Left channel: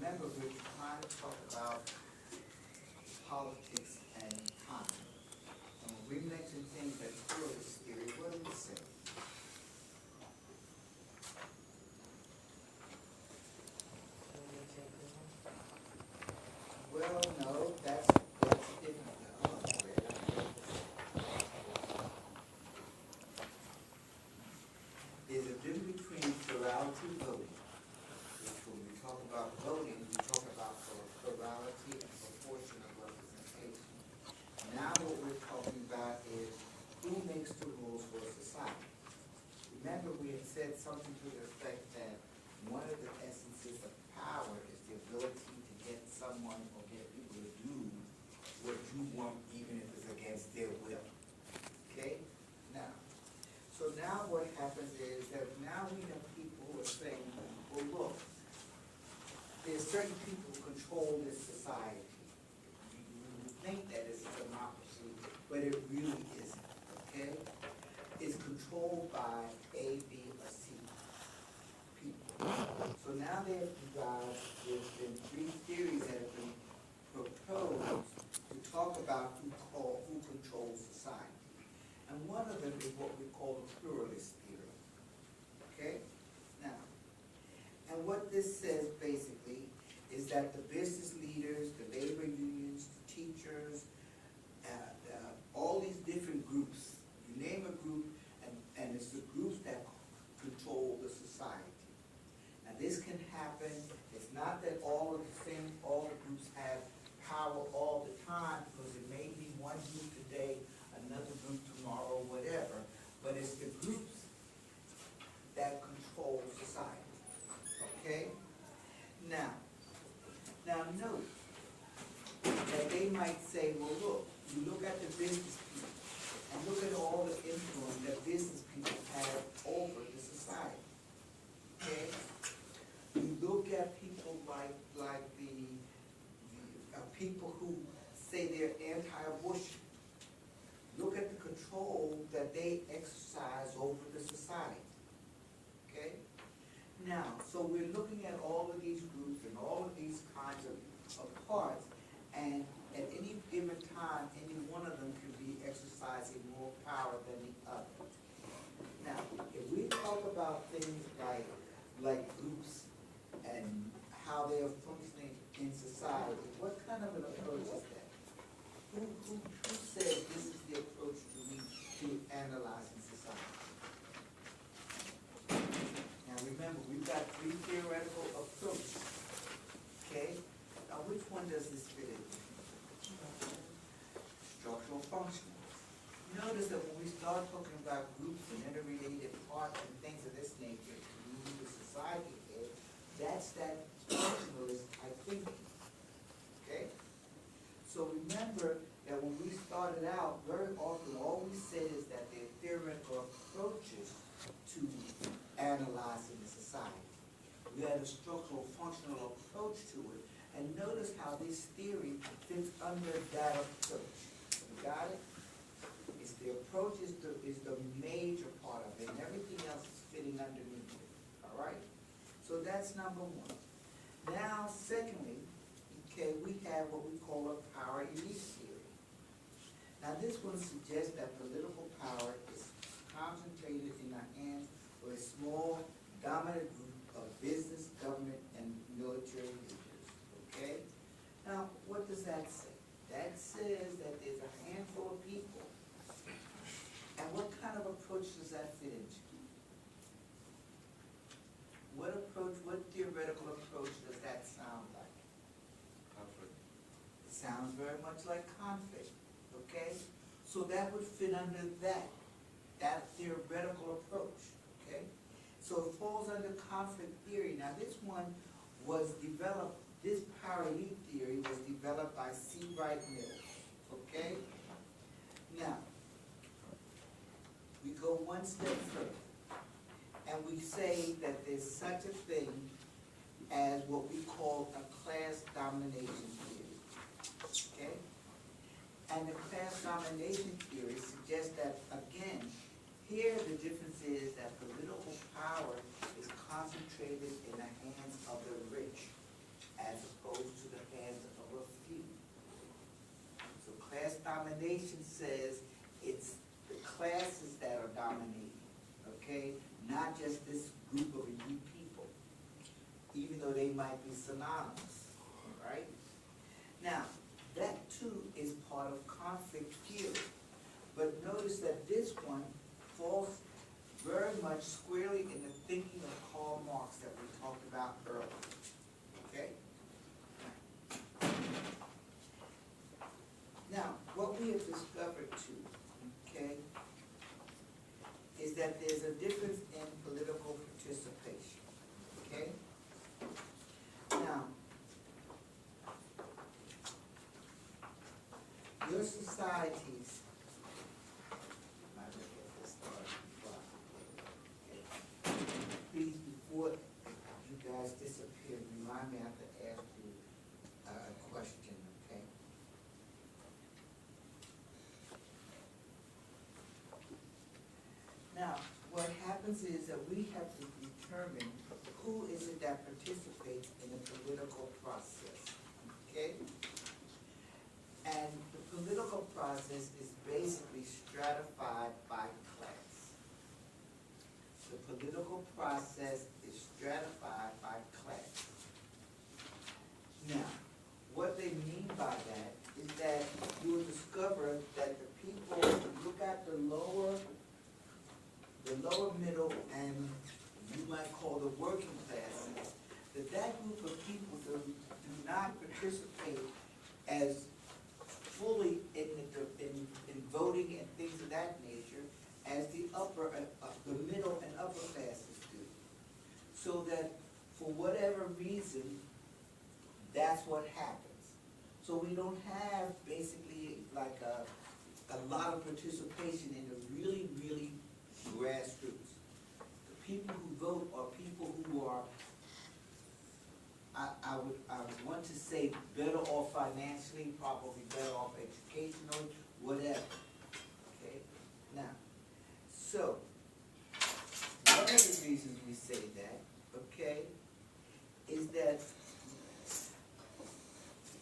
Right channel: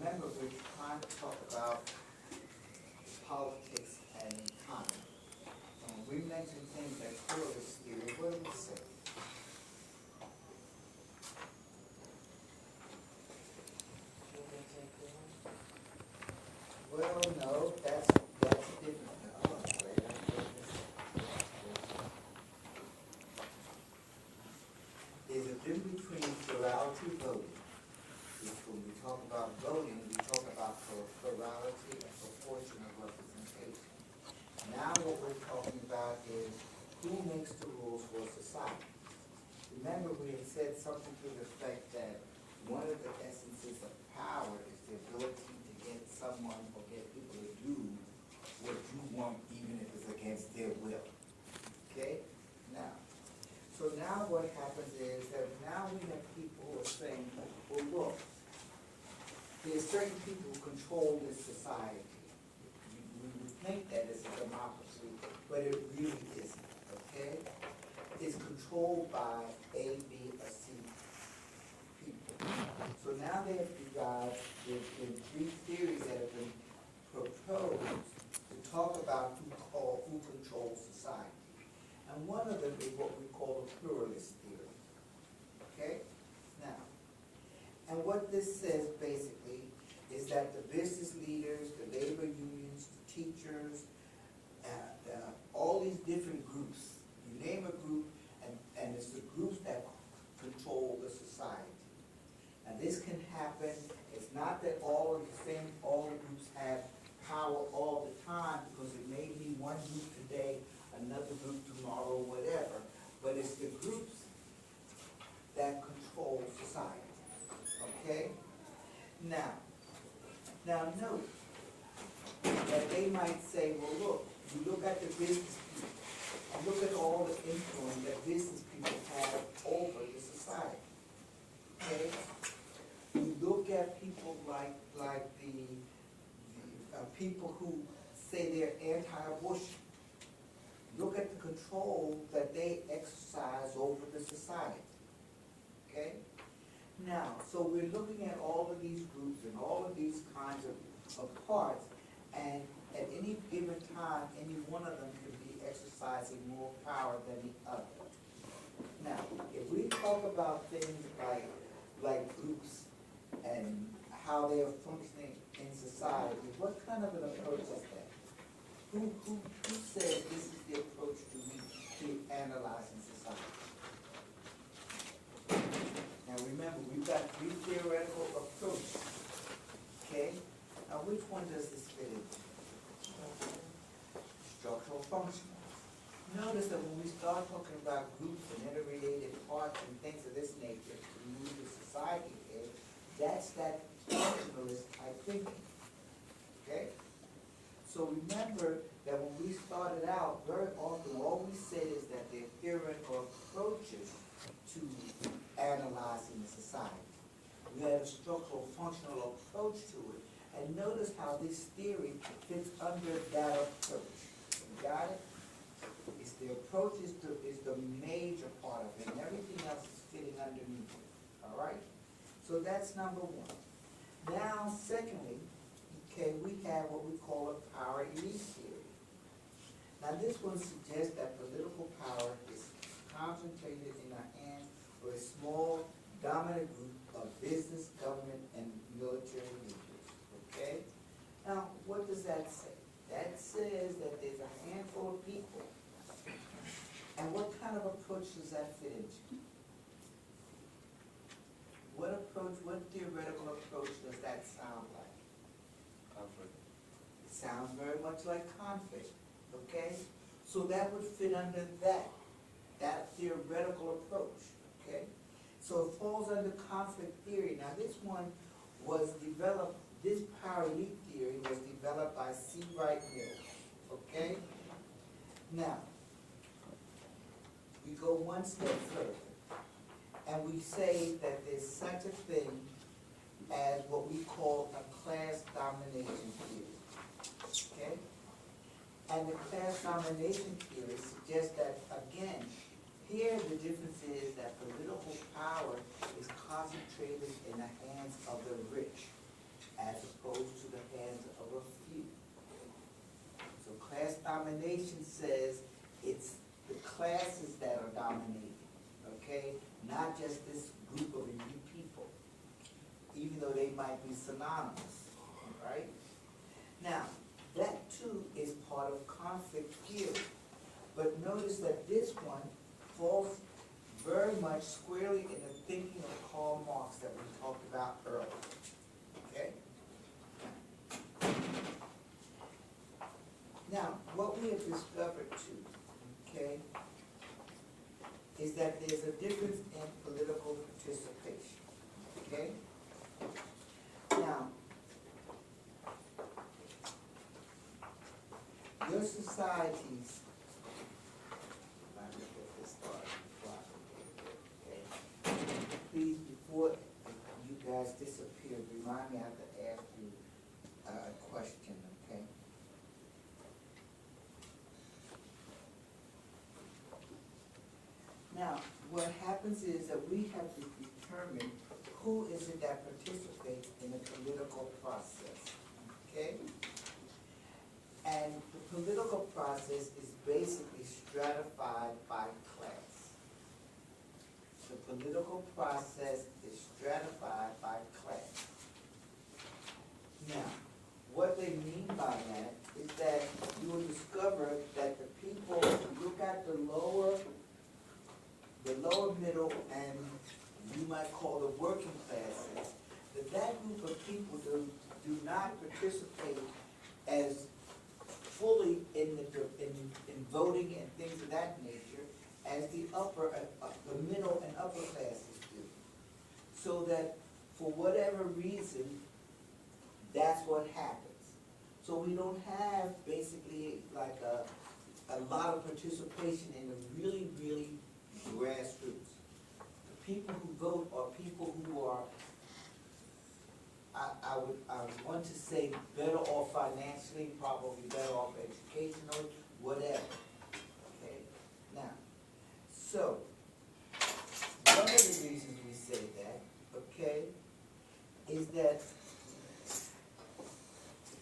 remember we're trying to talk about politics and economy. We mentioned things like pluralist theory. What do we say? Well, no, that's a different. There's a difference between plurality voting, which when we talk about voting, we talk about plurality and proportional representation. Now what we're talking about is who makes the rules for society. Remember we had said something to the effect that one of the essences of power is the ability to get someone or get people to do what you want even if it's against their will. Okay? So now what happens is that now we have people who are saying, well look, there's certain people who control this society. We think that it's a democracy, but it really isn't, okay? It's controlled by A, B, or C people. So now they have devised there's been three theories that have been proposed to talk about who controls society. And one of them is what we call the pluralist theory. Okay? Now, and what this says basically is that the business leaders, the labor unions, the teachers, all these different groups, you name a group, and it's the groups that control the society. And this can happen, it's not that all the groups have power all the time, because it may be one group today, another group tomorrow, whatever, but it's the groups that control society. Okay? Now note that they might say, well look, you look at the business people, and look at all the influence that business people have over the society. Okay? You look at people like the people who say they're anti-abortion. Look at the control that they exercise over the society. Okay? Now, so we're looking at all of these groups and all of these kinds of parts, and at any given time, any one of them could be exercising more power than the other. Now, if we talk about things like groups and how they are functioning in society, what kind of an approach is that? Who said this is the approach to analyzing society? Now remember, we've got three theoretical approaches. Okay? Now which one does this fit in? Structural functional. Notice that when we start talking about groups and interrelated parts and things of this nature to move the society is, that's that functionalist type thinking. Okay? So remember that when we started out, very often all we said is that there are theoretical approaches to analyzing the society. We had a structural functional approach to it. And notice how this theory fits under that approach. You got it? It's the approach is the major part of it, and everything else is fitting underneath it. Alright? So that's number one. Now, secondly, okay, we have what we call a power elite theory. Now this one suggests that political power is concentrated in the hands of a small, dominant group of business, government, and military leaders. Okay? Now, what does that say? That says that there's a handful of people. And what kind of approach does that fit into? What theoretical approach does that sound like? Conflict. It sounds very much like conflict. Okay? So that would fit under that theoretical approach. Okay? So it falls under conflict theory. Now this one was developed, this power elite theory was developed by C. Wright Mills. Okay? Now, we go one step further. And we say that there's such a thing as what we call a class domination theory. Okay? And the class domination theory suggests that, again, here the difference is that political power is concentrated in the hands of the rich, as domination says it's the classes that are dominating, okay? Not just this group of elite people, even though they might be synonymous, right? Now, that too is part of conflict theory. But notice that this one falls very much squarely in the thinking of Karl Marx that we talked about earlier. Okay? Now, what we have discovered too, okay, is that there's a difference in political participation. Okay? Now, your societies, please, before you guys disappear, remind me I have to ask you a question, okay? Now, what happens is that we have to determine who is it that participates in the political process, okay? And the political process is basically stratified by class. The political process is stratified by class. Now, what they mean by that is that you will discover that the people who look at the lower middle, and you might call the working classes, that group of people do not participate as fully in voting and things of that nature as the middle and upper classes do. So that for whatever reason, that's what happens. So we don't have basically like a lot of participation in the really, really grassroots. The people who vote are people who are, I would want to say, better off financially, probably better off educationally, whatever. Okay? Now, so, one of the reasons we say that, okay, is that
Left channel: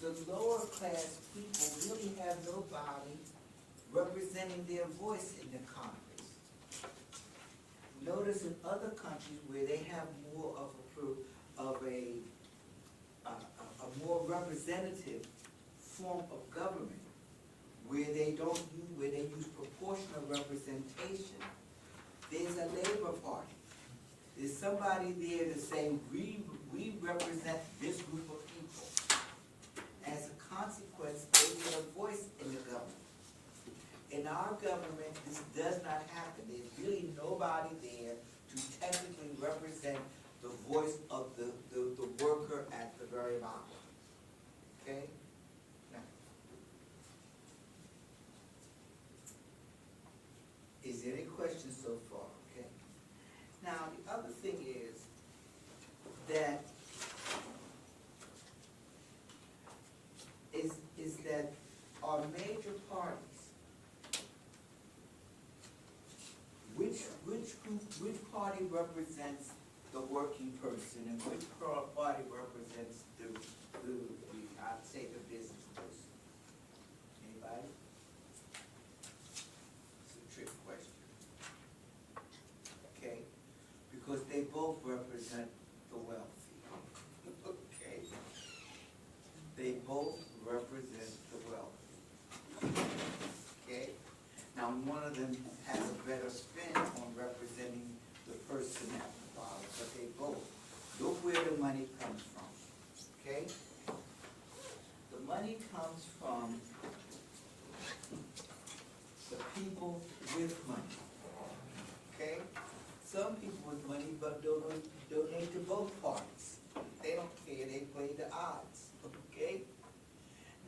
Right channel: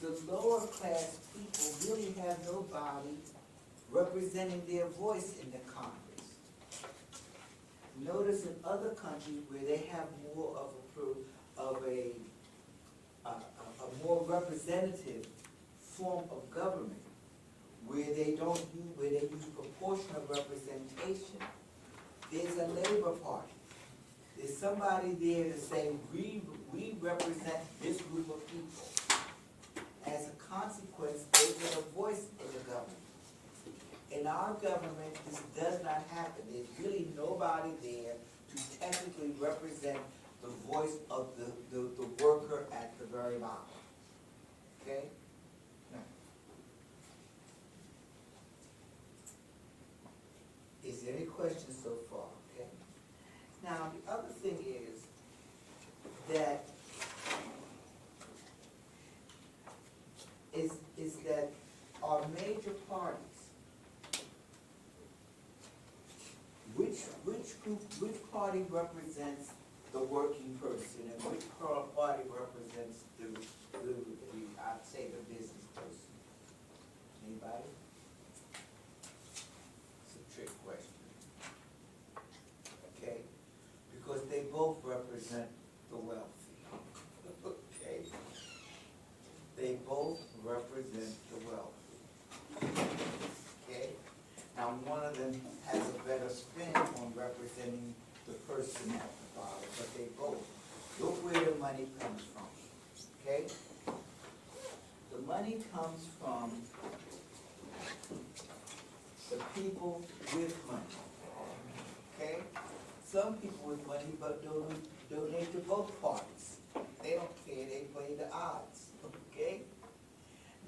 the lower class people really have nobody representing their voice in the Congress. Notice in other countries where they have more of a more representative form of government, where they use proportional representation, there's a Labor Party. There's somebody there to say, we represent this group of people. As a consequence, they get a voice in the government. In our government, this does not happen. There's really nobody there to technically represent the voice of the worker at the very bottom. Okay? Now, is there any questions so far? Okay. Now, the other thing is that our major parties, which party represents the working person and which party represents I'd say the business person? Anybody? It's a trick question. Okay? Because they both represent the wealthy. Okay? They both represent the wealthy. Okay? Now one of them has a better spin on representing the person at the bottom, but they both. Look where the money comes from. Okay? The money comes from the people with money. Okay? Some people with money but donate to both parties. They don't care, they play the odds. Okay?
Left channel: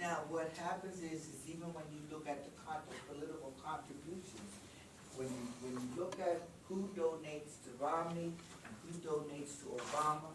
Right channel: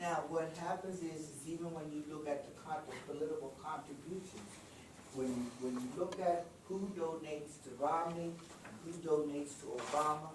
Now what happens is even when you look at the political contribution, when you look at who donates to Romney and who donates to Obama,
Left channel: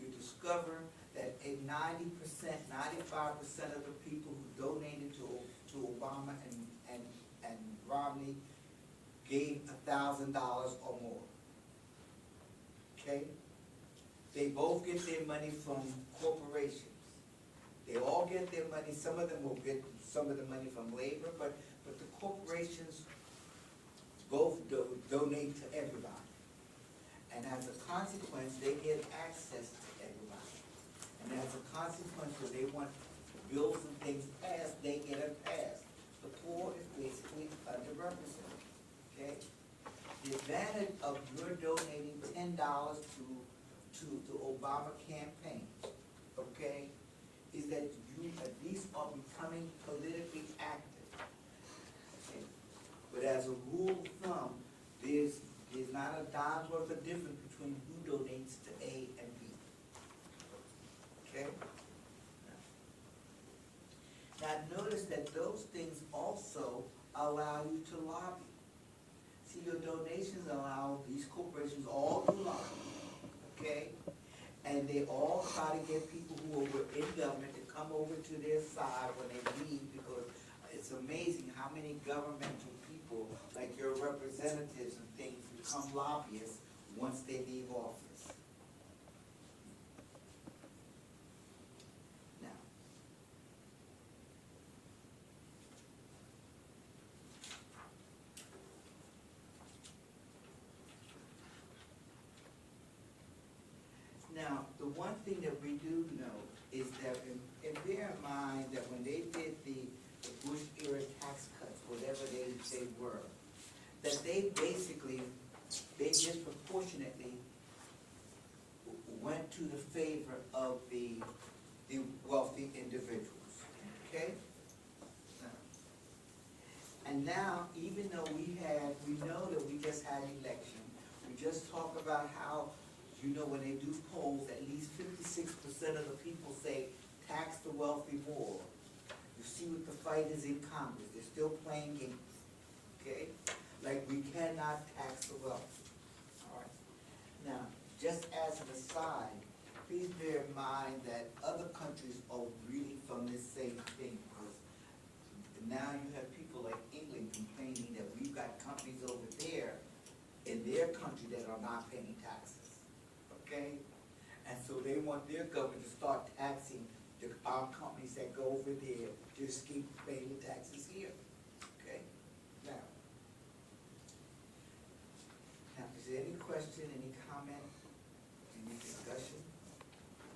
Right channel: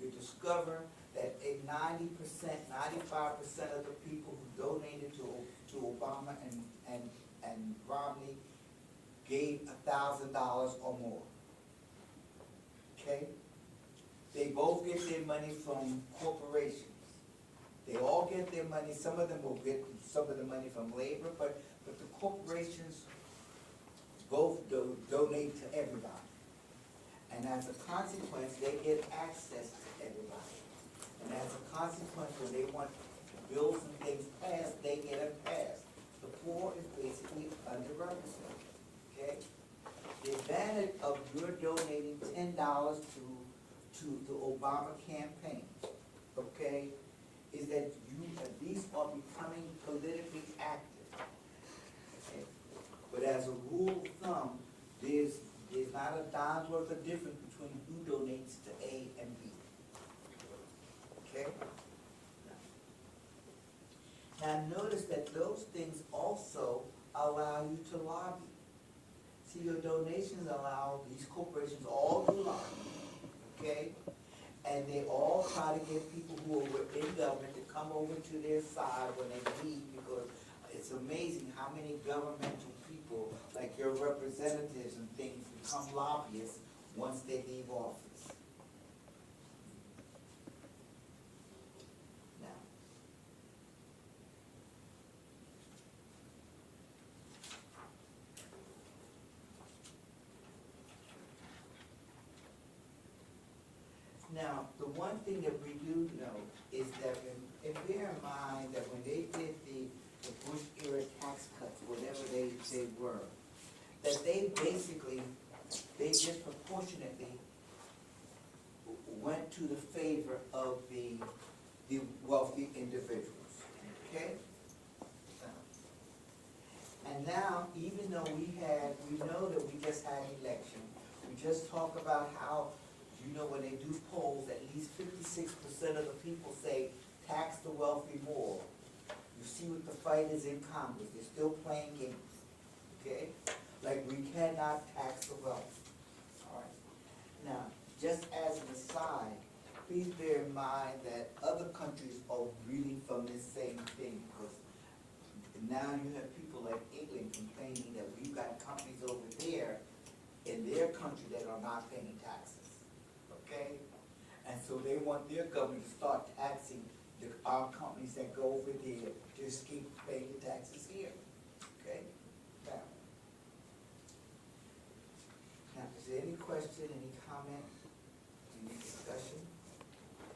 you discover that in 90%, 95% of the people who donated to Obama and Romney gave $1,000 or more. Okay? They both get their money from corporations. They all get their money, some of them will get some of the money from labor, but the corporations both donate to everybody. And as a consequence, they get access to everybody. And as a consequence, when they want bills and things passed, they get them passed. The poor is basically underrepresented, okay? The advantage of your donating $10 to the Obama campaign, okay, is that you at least are becoming politically active. Okay? But as a rule of thumb, there's not a dime's worth of difference between who donates to A and B. Okay? Now notice that those things also allow you to lobby. See, your donations allow these corporations all to lobby, okay? And they all try to get people who are in government to come over to their side when they leave, because it's amazing how many governmental people, like your representatives and things, become lobbyists once they leave office. Now, the one thing that we do know is that, and bear in mind that when they did the Bush era tax cuts, whatever they were, that they disproportionately went to the favor of the wealthy individuals, okay? And now, even though we know that we just had an election, we just talked about how, you know, when they do polls, at least 56% of the people say tax the wealthy more. You see what the fight is in Congress. They're still playing games. Okay? Like, we cannot tax the wealthy. All right? Now, just as an aside, please bear in mind that other countries are reading from this same thing, because now you have people like England complaining that we've got companies over there in their country that are not paying taxes. Okay? And so they want their government to start taxing our companies that go over there to escape paying the taxes here. Okay? Now, is there any question, any comment?